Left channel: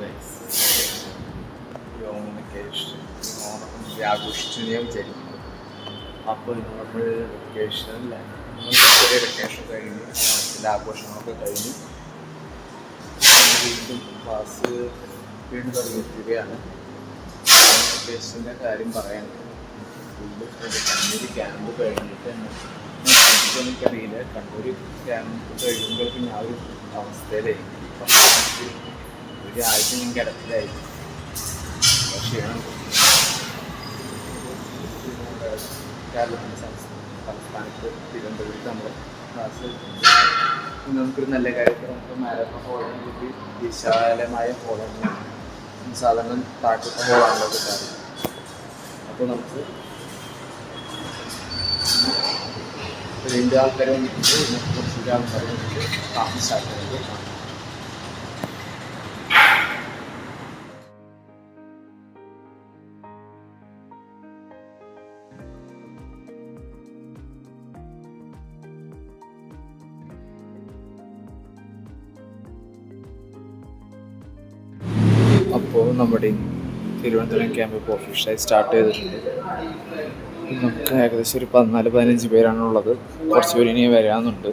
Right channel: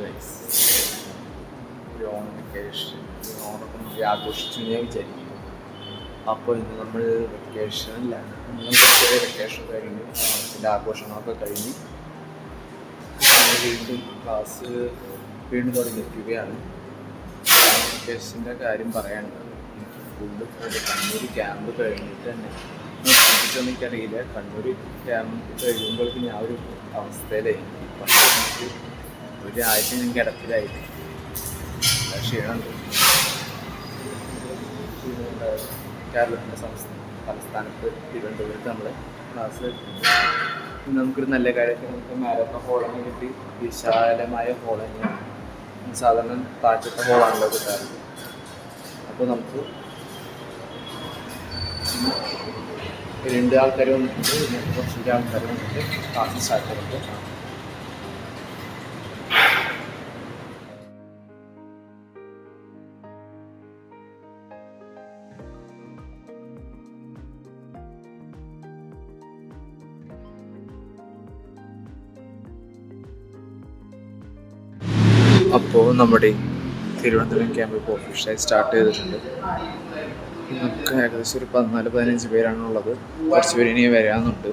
Guys, ഈ Onam vacation ഓണമൊക്കെ ആഘോഷിച്ചു ഞാൻ വിചാരിക്കുന്നു. അപ്പോൾ ഇന്ന് നമ്മൾ വെക്കേഷനില്ല, നമ്മൾ ചെറിയ വെക്കേഷൻ കഴിഞ്ഞ് ഓണത്തിൻ്റെ ആഘോഷങ്ങളൊക്കെ കഴിഞ്ഞ് വീണ്ടും ക്ലാസ് വീണ്ടും തുടങ്ങിയിരിക്കുകയാണ്. വെക്കേഷൻ്റെ കാര്യം പറയാനുണ്ട്. ഫുള്ള് കണ്ണൂർ ക്യാമ്പ് കഴിഞ്ഞിട്ട് തന്നെ എനിക്കറിയില്ല, കണ്ണൂർ ക്യാമ്പ് കഴിയുമ്പോഴേക്കും ഞാൻ ഒരു അവസ്ഥയിലായി. പക്ഷേ ഒരാഴ്ച ഞാൻ കിടപ്പിലായിരുന്നു, ക്ഷീണം. കേരളത്തിൻ്റെ സംസ്ഥാനത്ത് തിരുവനന്തപുരത്ത് നമ്മുടെ ക്ലാസ് ഇന്ന് നമുക്കൊരു നല്ല കാര്യത്തിൽ നമുക്ക് മാരത്തോൺ ഹോളാണ് കിട്ടി. വിശാലമായ ഹോൾ തന്നെയാണ്, സാധാരണ താഴത്തെ ഹോളാണല്ലോ കിട്ടാറ്. അപ്പോൾ നമുക്ക് 2 ആൾക്കാർ വന്നിട്ടുണ്ട്, പിന്നെ കുറച്ചുകൂടി ആൾക്കാർ വന്നിട്ട് ക്ലാസ് സ്റ്റാർട്ട് ചെയ്യുമ്പോൾ കാണാം. അപ്പോൾ നമ്മുടെ തിരുവനന്തപുരം ക്യാമ്പ് ഇപ്പോൾ ഒഫീഷ്യലായി സ്റ്റാർട്ട് ചെയ്തിട്ടുണ്ട്. നമുക്ക് ഏകദേശം ഒരു 14-15 പേരാണുള്ളത്. കുറച്ച് പേര് ഇനി വരാനുണ്ട്.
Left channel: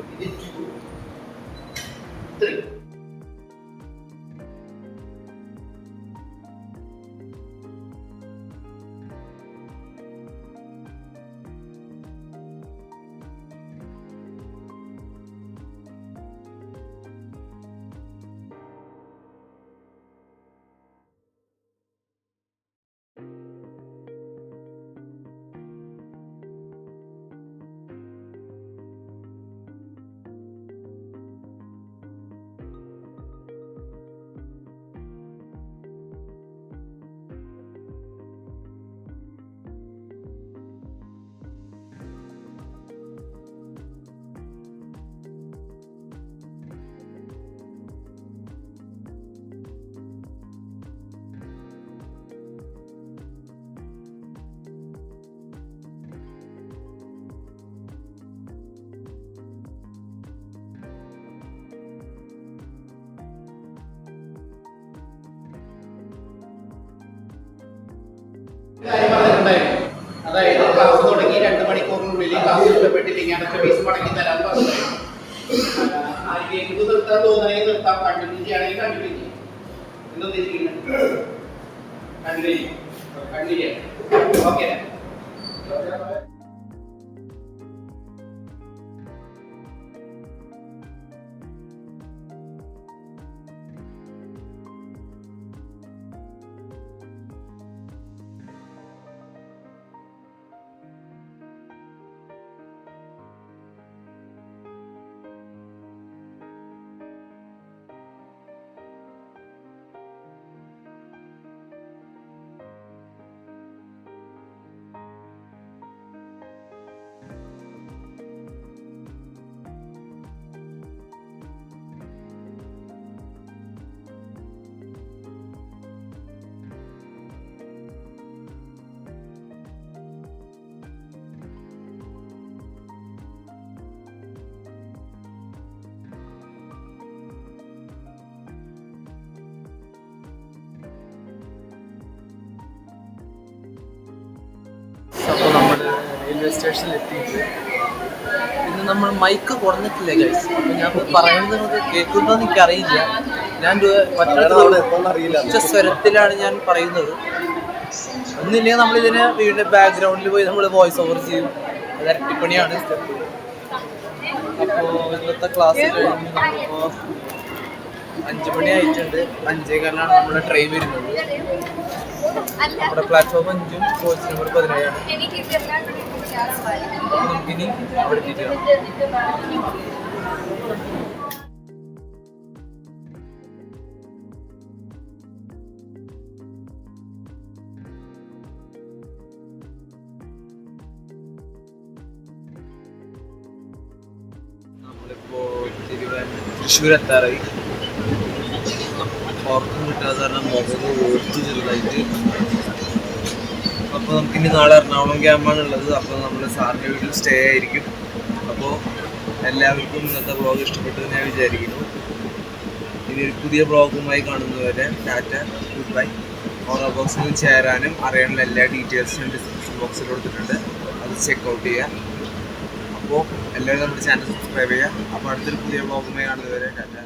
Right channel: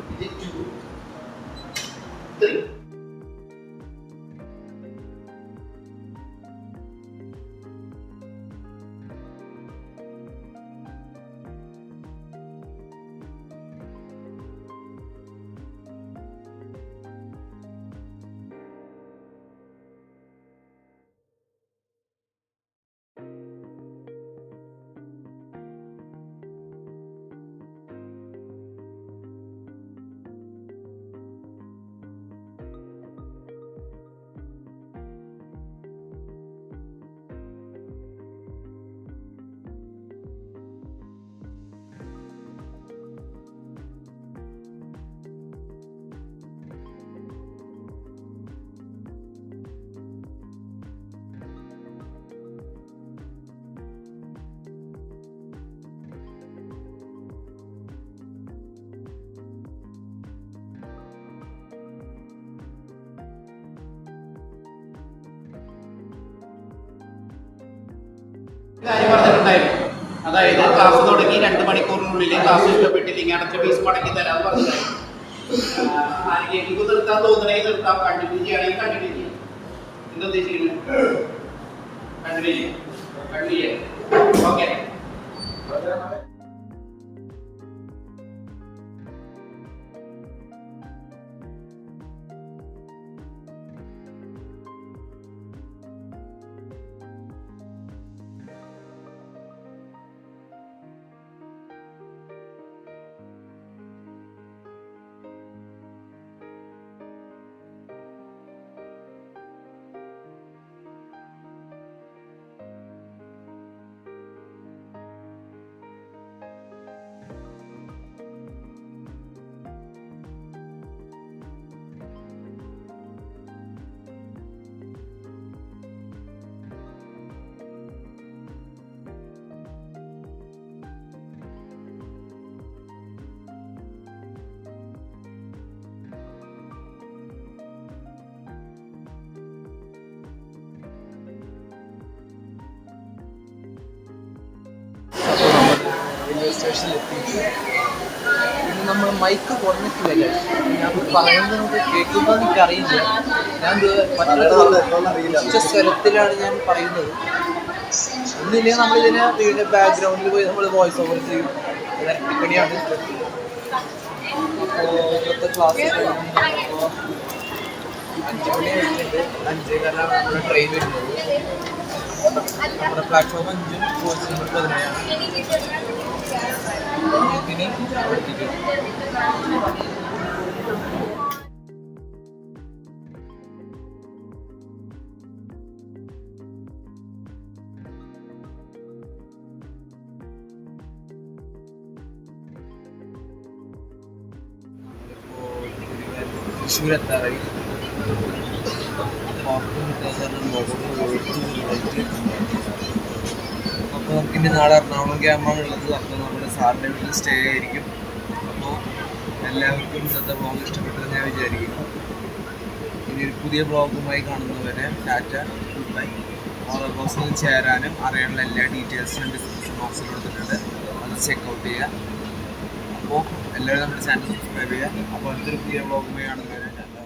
അതായത് ക്ലാസ് തുടങ്ങി 2 മണിക്കൂറിനുള്ളിൽ ക്ലാസ് ഇഷ്ടപ്പെട്ടില്ലെങ്കിൽ അടച്ച ഫീസ് മടക്കി തരാൻ പറഞ്ഞു. ആരെങ്കിലും നിർത്താൻ തോന്നണമെങ്കിൽ നിർത്താം, കണ്ടിന്യൂ ചെയ്യണമെങ്കിൽ കണ്ടിന്യൂ ചെയ്യാം. എന്താ ഉദ്ദേശിക്കുന്നത്? കണ്ടിന്യൂ ചെയ്യാം. ഓക്കെ. അപ്പോൾ നമ്മൾ റെയിൽവേ സ്റ്റേഷനിൽ എത്തിയിട്ട് ഇന്ന് നമ്മൾ മൈക്ക് കുറഞ്ഞിട്ടില്ല ഗൈസ്. ഞാൻ പറയുന്നത് നിങ്ങൾക്ക് കേൾക്കുമ്പോൾ എനിക്കറിയില്ല. ഞാൻ മറ്റൊരു സ്വരത്തിലാണ് ഞാൻ പറയുന്നത്. ഒന്നില്ലെങ്കിൽ നമ്മളിതിനെ വീടിൻ്റെ ബാക്ക്ഗ്രൗണ്ടിൽ പോയി നമ്മൾ വോയിസ് ഓവർ ചെയ്യും. അത് ഇരട്ടിപ്പണിയാണ്. അപ്പോൾ ഇന്നത്തെ ക്ലാസ് കഴിഞ്ഞപ്പോൾ 5 മണി ആയിട്ടുണ്ട്. 5:15 നമ്മുടെ ട്രെയിൻ വരുന്നത്. നമ്മുടെ പ്ലാറ്റ്ഫോം 5-ഉം കോച്ച് നമ്പർ 17-ആണ്. ഇനി അവിടെ എത്തിയിട്ട് നമ്മളിപ്പോൾ തൃശ്ശൂർ എത്താറായി. ഉറക്കം കിട്ടാതെ കാരണം മുഖം ഓർത്ത് ചെറുതായിട്ട്. അപ്പോൾ നമുക്കിനി നാളെ എറണാകുളം ക്യാമ്പാണ് ഉള്ളത്. അപ്പോൾ നമ്മൾ സാറിൻ്റെ വീട്ടിൽ സ്റ്റേ ആയിരിക്കും. അപ്പോൾ എല്ലാവർക്കും ഇന്നത്തെ വ്ലോഗ് ഇഷ്ടപ്പെട്ടെന്ന് ഞാൻ വിചാരിക്കുന്നു. ഇനി ഒരു പുതിയ ബ്ലോഗുമായി കാണുന്നവരെ ടാറ്റ, ഗുഡ് ബൈ. ഓറോ ബോക്സിൽ ചേരാനും അറിയാനുള്ള എല്ലാ ഡീറ്റെയിൽസും ഡിസ്ക്രിപ്ഷൻ ബോക്സിൽ കൊടുത്തിട്ടുണ്ട്, അത് ചെക്കൗട്ട് ചെയ്യുക. അപ്പോൾ എല്ലാവരും നമ്മുടെ ചാനൽ സബ്സ്ക്രൈബ് ചെയ്യുക. അപ്പോൾ അടുത്തൊരു പുതിയ ബ്ലോഗുമായി കാണുന്നവരെ ടാറ്റ.